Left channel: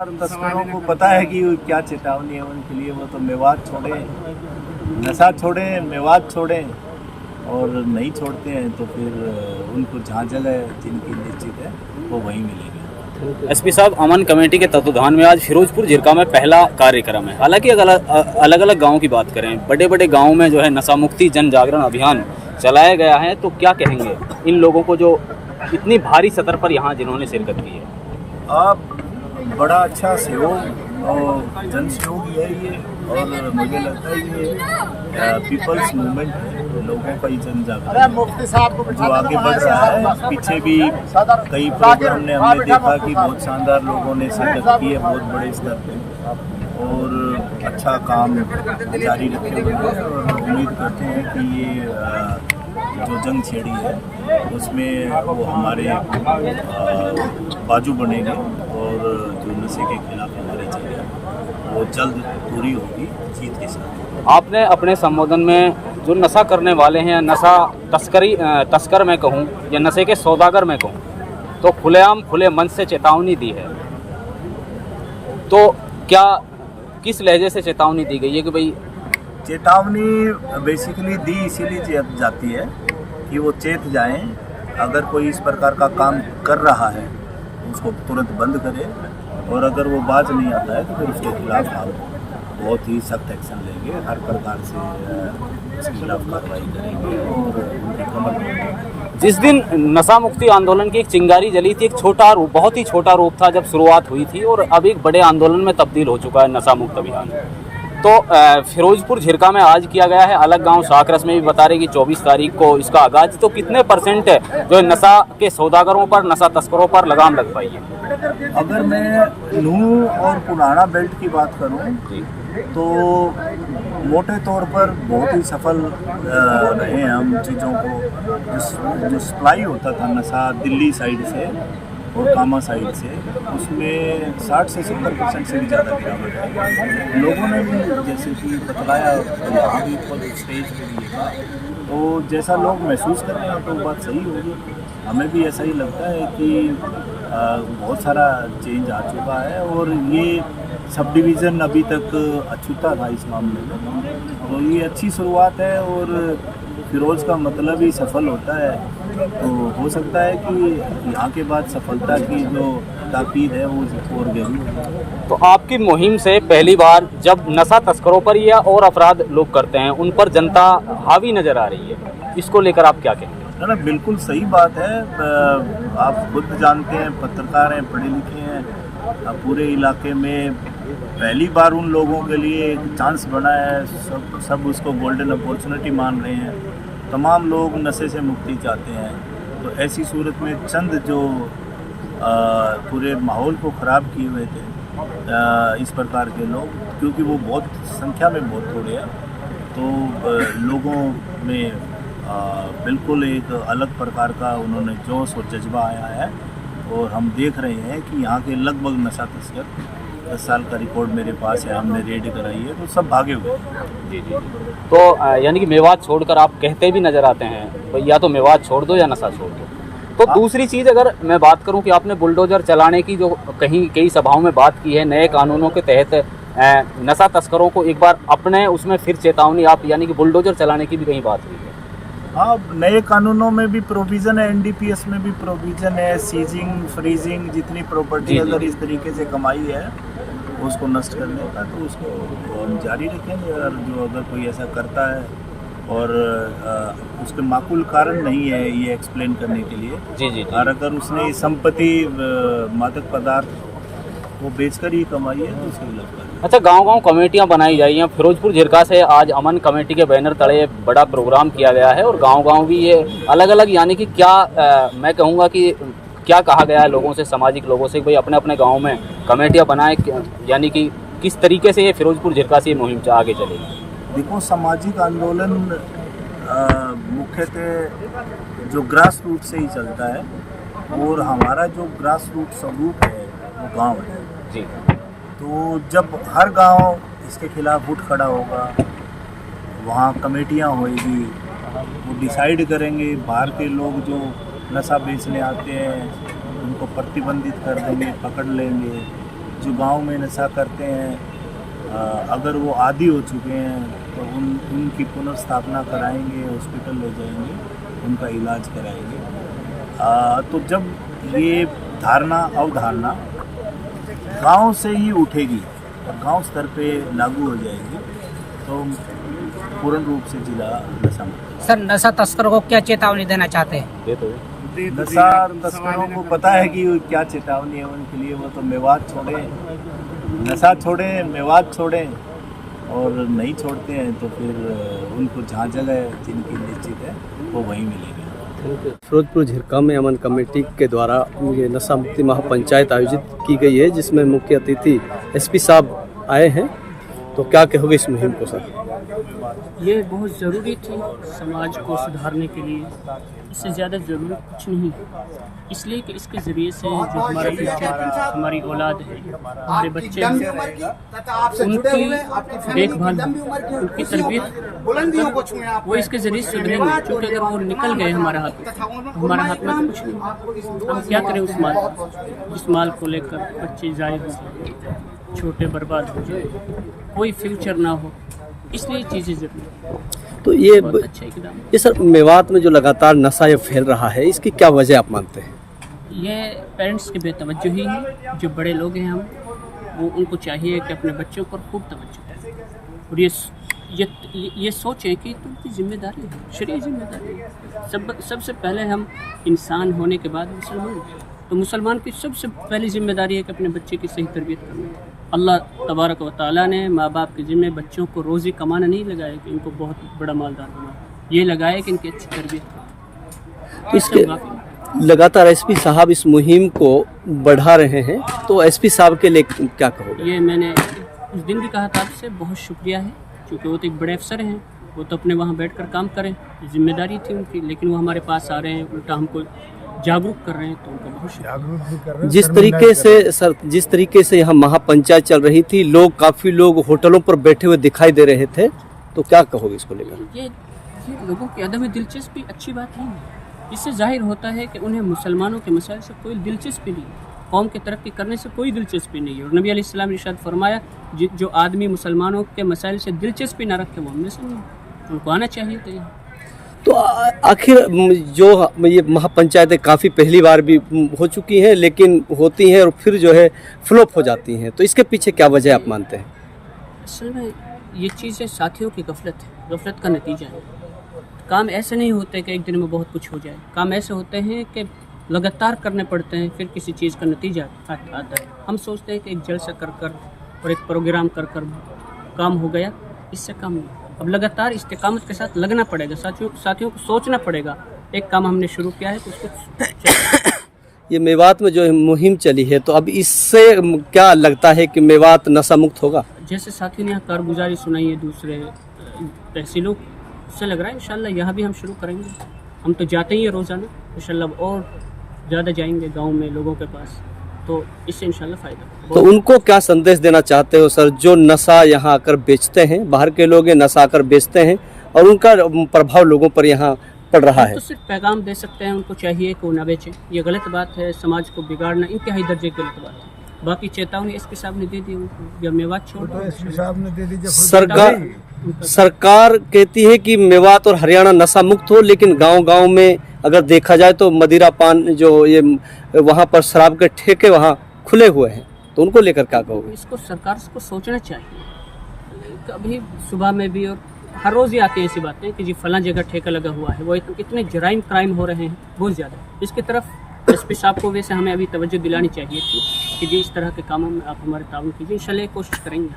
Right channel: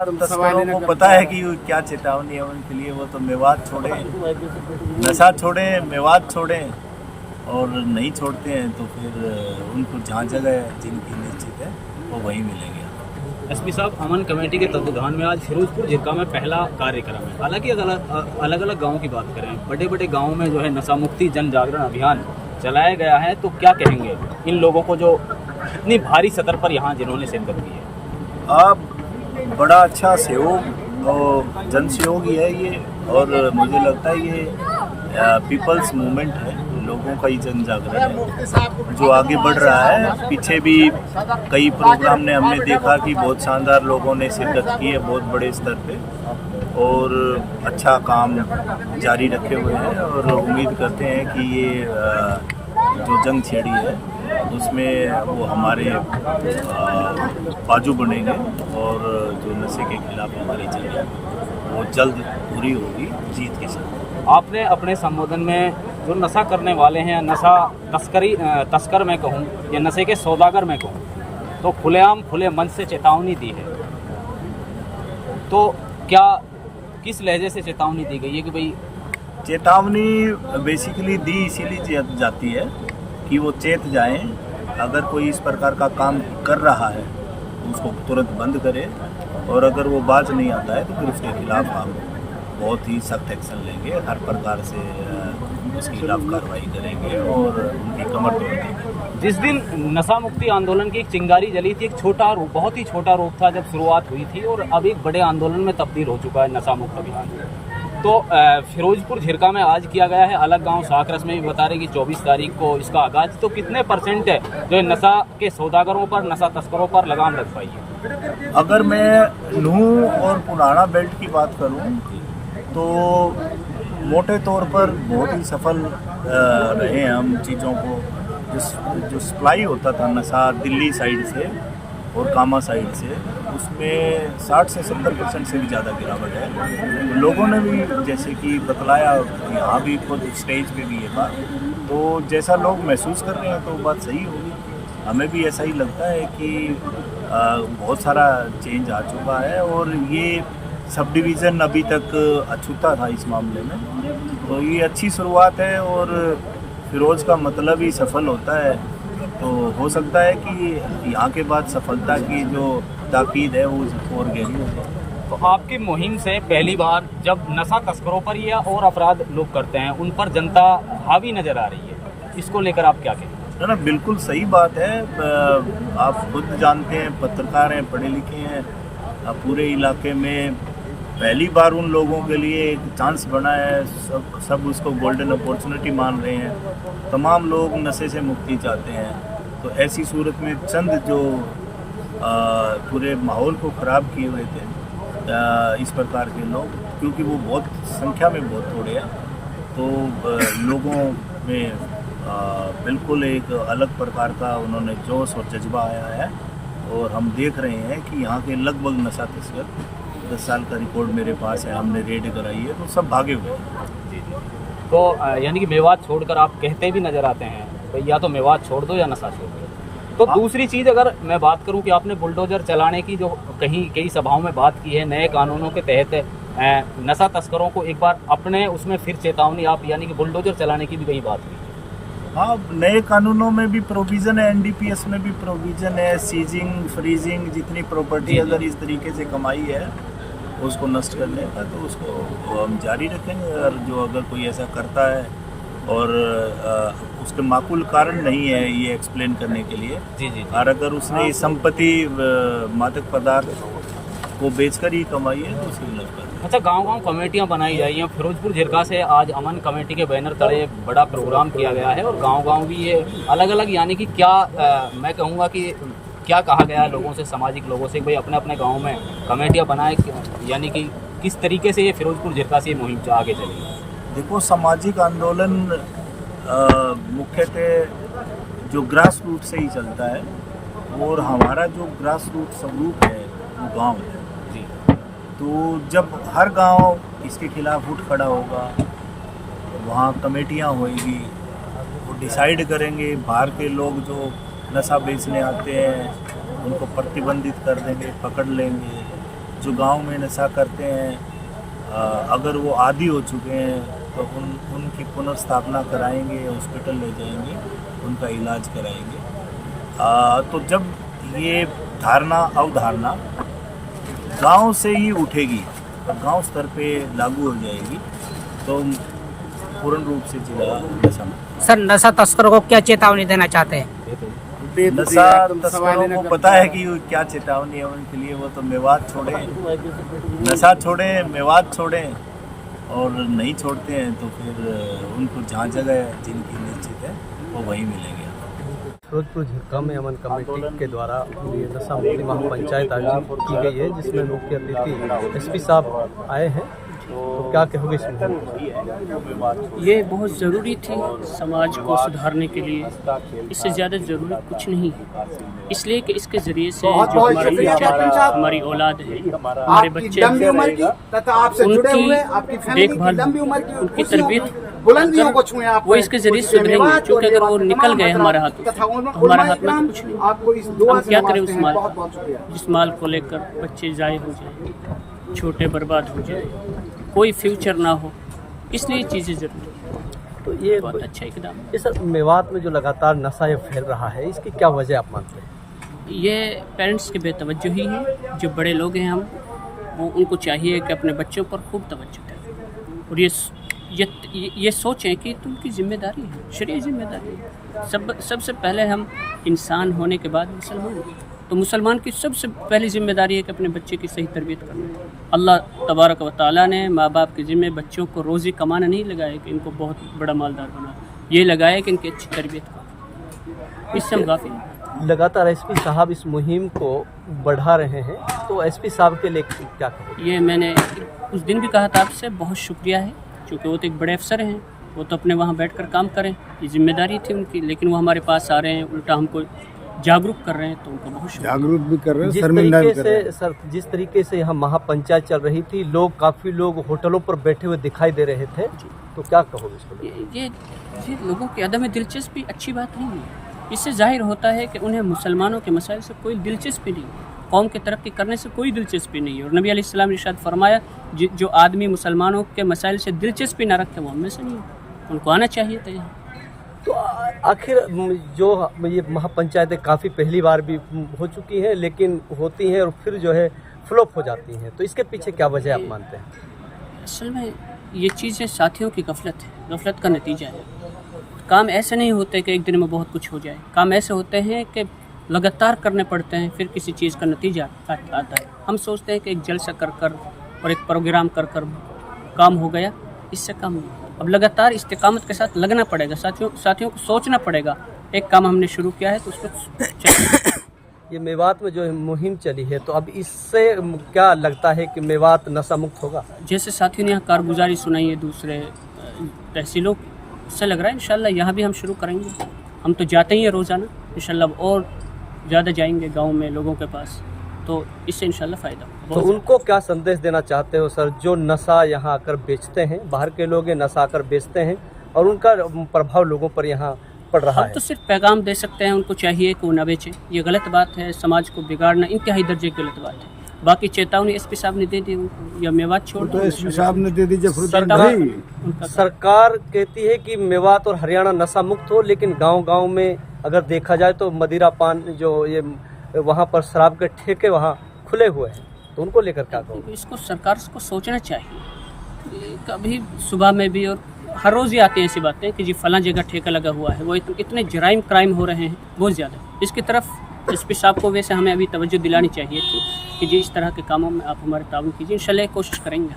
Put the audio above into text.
तस्करों को पता है कि क्या चेतावनी है उनके लिए। वो तो मेवात छोड़े, नशा छोड़े, मेवात छोड़े और नहीं छोड़ते हैं तो फिर उनको जहाँ जगह जिनकी निश्चित है वो वहीं मिलेंगे। एसपी साहब, अमन कमेटी के तत्वाधान में आज फिरोजपुर झिरका में पहला कार्यक्रम है। हालांकि अलग अलग गाँव की बात करें, बड़े बड़े गाँव में जो है नशा मुक्ति जन जागरण अभियान चलाया गया है, तो क्या कहेंगे इन लोगों को जो इतनी भारी सतर पर यहाँ जिन्होंने शिरकत की है? अब बड़ा अच्छा सहयोग और जन सहयोगी है ये, और मुझे लगता है ये पीपल्स मूवमेंट है, लोगों का ही जन जागरण है जो आगे बढ़ रहा है। पीछे भी कई प्रोग्राम ने हमने देखा कि बहुत शानदार लोगों ने शिरकत की है बहुत बड़े स्तर पे, और अच्छा काम जारी रखे हुए हैं। और उम्मीद करते हैं कि ये जो जंग छेड़ी है उसमें वो हमारे बाजू बनेंगे, और जो नशे के खिलाफ हमारी जंग है वो जल्द पूरी होगी जीत के साथ। आपने अपने संबोधन में जो नशा करने वाले हैं, नशा तस्कर मैं कहूँ या नशे के सौदागर मैं कहूँ, तो खुलेआम खुले मन से चेतावनी दी है। तो क्या किस लहजे से चेतावनी दी गई है कि भाई? चेतावनी बेसिकली दी इसीलिए जाती है कि वो चेत जाएं, अगर कोई इस प्रकार का काम कर रहा है तो उसको तुरंत बंद करे, और अगर वो बाज नहीं आता है तो फिर उसके खिलाफ हम बहुत ही सख्त एक्शन लेंगे, हर प्रकार से उसके खिलाफ कार्रवाई करेंगे और उनकी कमर तोड़ देंगे। जिस दिन नशा मुक्ति आंदोलन की एक चिंगारी जली थी, एक छोटा रूप, बहुत ही छोटा रूप था जब शुरुआत हुई थी, और अब एक बड़े आंदोलन में तब्दील हो चुका है नशा मुक्त अभियान। तो फिरोजपुर झिरका में आज किया गया है, अलग गांव शाकरस में भी बता रहे कि 24 तारीख को इसका आगाज। तो कितने % है जो नशा के सौदागरों पर, नशा तस्करों पर लगाम लग पाई है? अगर मैं नूह और पुराना बेल्ट की बात करूं तो मोटे तौर पर बहुत ही सफल रहे हैं हम। चीज़ों को जो सप्लाई होता था नशा दिल्ली साइड से और कामा साइड से, उसमें 60 से 70% से भी ज़्यादा गिरावट है। लोगों ने भी जैसे कि बतलाया, यहाँ भी खुद स्टेज पे भी ये बात, तो जैसा लोग महसूस कर रहे हैं तो बात सही होगी। हमें भी ऐसा ही लगता है कि बहुत सारा चेंज आ चुका है, और ये सब डिवीज़न अभी तक अछूता था इस मामले में, तो ये अच्छी शुरुआत है। और फिरोज़ का मतलब ही सफल होता है, तो हो सकता है कि यहाँ के बाद सफलता की जो ताकीद है वो और गहरी हो जाए। तो आपकी मुहिम से पहली बार जब नशा तस्करों पर या और अपराध लोग करते हैं उन पर जनता हावी नजर आ रही है, इसको लेकर आप क्या कहेंगे? ना बिल्कुल सही बात है। आप खुद जानते हैं, पत्रकार हैं, पढ़े लिखे हैं, पूरे इलाके में पहली बार उन लोगों के लिए एक चांस बना है। सब उसको गोल्डन अपॉर्चुनिटी मान रहे हैं। तमाम लोग नशे से मुक्ति चाहते हैं, तो ऐसी सूरत में चंद जो पूरे माहौल को ख़राब किए हुए थे इस प्रकार के लोग, क्योंकि वो बहुत संख्या में बहुत थोड़े हैं, तो लोगों में बिल्कुल एक अलग प्रकार का उन्होंने जोश और जज्बा आया है। और हम देख रहे हैं कि यहाँ के लगभग नशा तस्कर, 10 साल का रिकॉर्ड मेरे पास है, हमने रेड कराई है, तो सब भागे हुए हैं। जी। तो यानी कि मेवात छोड़कर आप कहते भी नज़र आते हैं भाई या तो मेवात छोड़ दो या नशा छोड़ दो। तो दूसरी चीज़ अगर मैं बात करूं कि आपने बुलडोजर चलाने की जो कई सभाओं में बात की है, नए कानूनों के तहत नशा तस्करों को एक बार अपने उसमें फिर चेतावनी, आप यानी कि बुलडोजर चलाने की भी कहीं बात हुई है? हाँ, नए कानूनों में भी प्रोविज़न है, NDPS में भी प्रोविज़न है, सीजिंग, फ्रीजिंग, जितनी प्रॉपर्टी अगर इस तरीके से कमाई है उसको नष्ट करने का, तो उसको हम जारी रखेंगे। और जो अगर कोई ऐसा करता है और उसके माकूल कारण नहीं है ये एक्सप्लेन करने के लिए, जी। और अगर उसने संपत्ति मादक पदार्थ को बेचकर ही कमाई है तो उसके खिलाफ कर। अच्छा, गांव-गांव कमेटियां बनाई जा रही हैं। फिरोजपुर झिरका से आज अमन कमेटी के बैनर तले बड़ा प्रोग्राम किया गया है, और गांव-गांव भी ये अलग-अलग, यानी कि क्या मैं कहूँगा कि क्या कहा गया है लोगों से, सामाजिक लोगों से, भाई अपने अपने गांव में कमेटियां बनाएं, यानी कि किस तरीके से ये फिरोजपुर झिरका से मुहिम आगे चलेगी? देखो, सामाजिक आंदोलन मुख्यतः जो ग्रास रूट से ही चलता है, और हमारा जो ग्रास रूट स्वरूप है वो गांव है जी। तो जब हर गांव इसके खिलाफ उठ खड़ा होगा, वहाँ कमेटियाँ होएगी, वो डिसाइड करेंगे, बाहर के लोग जो नशा बेचने आते हैं उनको प्रतिबंधित कर देंगे, पकड़ लेंगे, जो गांव में नशा करते हैं, अगर वो आदी हो चुके हैं तो उनकी पुनर्स्थापना कराएंगे, हॉस्पिटल ले जाएंगे, उनका इलाज कराएंगे। तो जब ये अवधारणा गांव से ही उठेगी और गांव स्तर पे लागू हो जाएगी तो पूर्ण रूप से जिला नशा मुक्त। सर, नशा तस्करों को क्या चेतावनी देना चाहते हैं? नशा तस्करों को पता है कि क्या चेतावनी है उनके लिए। वो तो मेवात छोड़े, नशा छोड़े, मेवात छोड़े, और नहीं छोड़ते हैं तो फिर उनको जहाँ जगह जिनकी निश्चित है वो वहीं मिलेंगे। फिरोजपुर झिरका में अमन कमेटी के द्वारा ये नशा मुक्ति महापंचायत आयोजित की गई है, जिसमें मुख्य अतिथि एसपी साहब आए हैं। तो क्या कहोगे इस मुहिम को सर? ये बहुत ज़रूरी थी समाज को सुधारने के लिए, इससे ज़्यादा ज़रूरी कुछ नहीं है। इसलिए कि इसके ज़रिए से जो हमारा फ्यूचर है, हमारी औलाद है, हमारे बच्चे हैं, उनकी देखभाल, उनकी तरबियत वो इसके ज़रिए सुधरेंगे। क्योंकि अगर वो निकल गए हमारे हाथों से तो हमारे हाथ में तो कुछ नहीं। हम क्या करें उस माल का, जिस माल को लेकर बच्चे ज़ाये हो जाए, छोटे बर्बाद हो जाए, कोई फ्यूचर ना हो। इसलिए चीज़ें ज़रूरी है। तो ये बहुत अच्छा इकदाम है। ये सर मेवात में जो लगातार नशा ये फैल रहा है, इसकी क्या वजह आप मानते हैं? ये पेरेंट्स की बेतवज्जोही है। जो बड़े लोग हैं हम, वो उनको चाहिए कि अपने बच्चों पर खूब तवज्जो दें और ये सोचें कि तो उनकी जिम्मेदारी है, शरीय जिम्मेदारी है। सबसे पहले हम इंसान होने के बाद मुसलमान हैं, तो मुसलमान की सबसे पहली जिम्मेदारी है कि अपने बच्चे की सही तरबियत करना। अल्लाह तबारक व तआला ने माँ बाप के ज़िम्मे बच्चों को रोज़ी कमाना नहीं लगाया कि इनको बहुत बड़ा मालदार बनाओ, ये लगाया कि इनकी अच्छी तरबियत करो। इससे काफ़ी लगातार एसपी साहब इस मुहिम को बढ़ा रहे हैं, तो एसपी साहब के लिए क्या कहोगे? ये मैंने उस दिन भी कहा था आपसे, बहुत शुक्रिया है, क्योंकि वो तो एक बड़े अफसर हैं, वो तो अपने वहाँ बैठकर काम करें, ये जिम्मेदारी थी उनकी। लेकिन वो हमारे पास आ रहे हैं, उल्टा हमको जागरूक कर रहे हैं, तो उनका बहुत शुक्रिया। जागरूक भी कर रहे हैं। जिस तरीके से यहाँ महापंचायत चल रही थी, काफ़ी लोग होटलों पर बैठे हुए दिखाई दे रहे थे, तो क्या कहोगे इसको लेकर? ये लोगों की अदम दिलचस्पी अच्छी बात नहीं है। इससे जाहिर होता है कि उन्हें मुसलमानों के मसाइल से कोई दिलचस्पी नहीं है, कौम की तरक्की करने से कोई दिलचस्पी नहीं है। और नबी अलैहिस्सलाम ने इरशाद फरमाया, जो आदमी मुसलमानों के मसाइल से दिलचस्पी ना रखे वो हम में से नहीं है, उनको आना चाहिए था यहाँ। तो आखिर जो ये महापंचायतें काफ़ी पहली बार भी हो चुकी हैं, लेकिन होती हैं और फिर जो है फ्लॉप हो जाती हैं, तो इसके पीछे क्या वजह आप मानते हैं? असल में ये चीज़ें साथियों की गफलत है, गफलत का नतीजा है। काम ऐसे नहीं होते कि एक दिन में बहुत कुछ हो जाए, काम ऐसे होते हैं कि लगातार करने पड़ते हैं, फिर किसी चीज़ का नतीजा आता है। हम सोचते हैं कि एक जलसा कर और एक प्रोग्राम कर काम हो गया, इससे काम नहीं। अब लगातार इस्तिकामत के साथ लगना पड़ेगा, साथियों को सोचना पड़ेगा। एक काम हमने शुरू किया है तो उसको ये मेवात में जो मुहिम चली है, तो अब इससे क्या लगता है कि मेवात नशा मुक्त होगा? जैसे साथियों ने यहाँ कारगुजारी सुनाई है दूसरे तहसीलों की, उससे लग रहा है इंशाल्लाह यहाँ भी हम शुरू करेंगे। हम तो जाते ही हैं रोज़ाना, इंशाल्लाह और ज़्यादा जाएंगे गाँव में लोगों के पास, तो इससे इंशाल्लाह फ़ायदा होगा। तो उनको क्या संदेश देना चाहते हो सर, जो नशा यहाँ आकर बेचते हैं, बाहर के लोग नशा आकर बेचते हैं और उनका प्रभाव लोगों पर यहाँ पड़ रहा है? तो सिर्फ पैगाम दे सकते हैं, उनको चाहिए कि वो न बेचें। ये गलत बात है, समाज को बिगाड़ना इंतहाई दर्जे की गलत बात है। बाकी चेतावनी एसपी साहब ने दे दी उनको, या मेवात छोड़ दो, एसपी साहब ने दे दी। जब सरकार कहती है कि मेवात और हरियाणा नशा मुक्त हो, लेकिन गांव-गांव में अगर देखा जाए तो मदिरा पान जो ये वहाँ पर शराब के ठेके वहाँ खुले हुए हैं, तो उनको लेकर क्या कहोगे? इसको सरकार को सोचना चाहिए। कभी सुबह में भी और हर रोज़ ही आती हैं ऐसी बातें कि जी फलां जगह ठेका लगा हुआ है, वो इतने जराइम क्राइम हो रहे हैं बहुत ज़्यादा। इसकी तरफ एसपी साहब को वैसे हमें अभी तवज्जो दिलानी चाहिए थी कि जी इस तरह के कामों में आप हमारे ताउन कीजिए, इंशाल्लाह कोशिश करेंगे।